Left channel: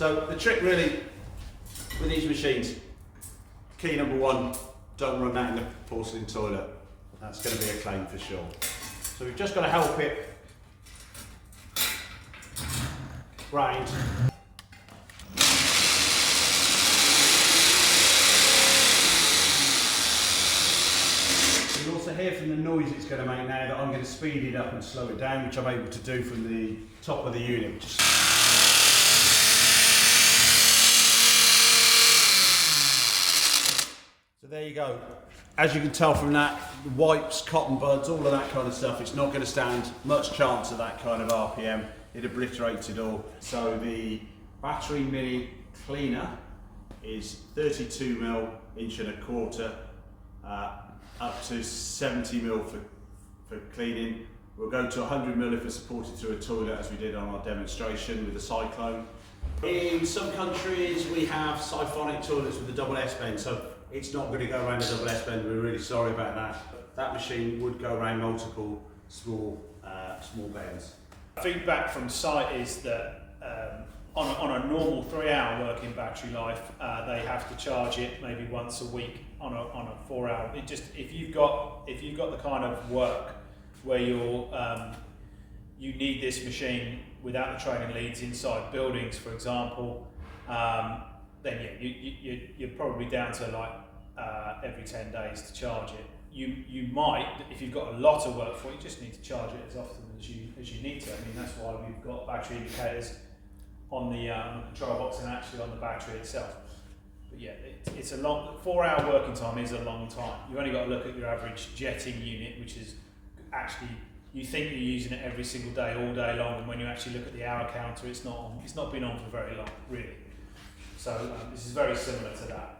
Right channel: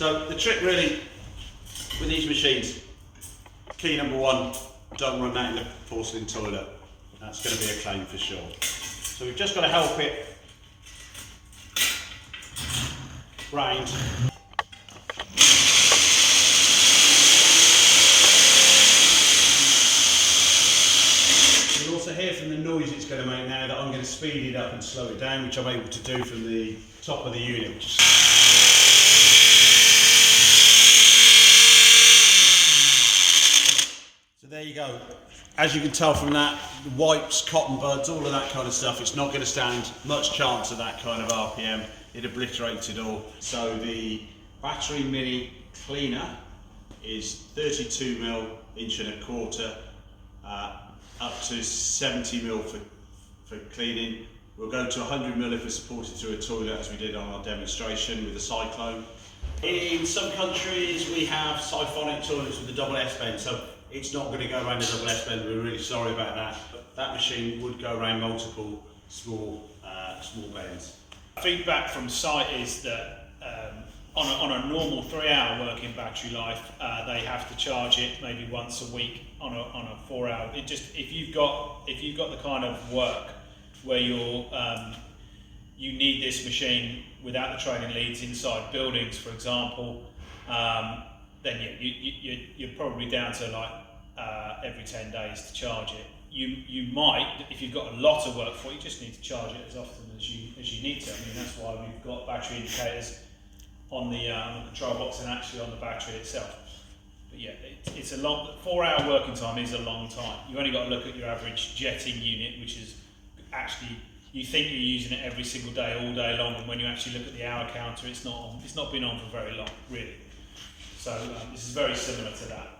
So the trick really with these machines, key number one, don't run that in the porcelain toilet. That's going to be a claim for sure. So we've just got to help it round. You'll also hear from the noise it's going to make now that I'm going to speed it up and slow it down, which I'm able to do from the top of the unit. So there you go. As you can tell from that, the wipes, cotton buds, all of that kind of stuff, it's not going to stand much chance of that kind of RPM. It obliterates it all. So the battery mini cleaner is 32mm, inch and a quarter, up to 70mm for cleaning. We'll go to 100mm if we're supported through a toilet, as we did on our demonstration with the cyclone. In some countries we have siphonic toilets with the double S bend, so it's not going to go around the double S bend. We're really sorry about that. That machine would go around multiple small bends. Feedback from site is that on a normal 3-hour working battery life, they have to charge it maybe once a week on a 4-hour. It just if you've got the kind of work where you need this machine without the training leads inside buildings, for example, then yeah, you're probably down to like every 10 days to charge it. You might, if you've got a lot of work for it, you just need to charge it as often as you need to. I mean, that's why we've got battery indicators on the control box and actually on the battery itself. But yeah, it's a long 4-hour working time is a long time. You've only got to look at your average jetting unit, which is actually, you think you're using it every single day, all day long, and when you actually look at the hour counter, it's not been on for very long, really. So this is very similar to that.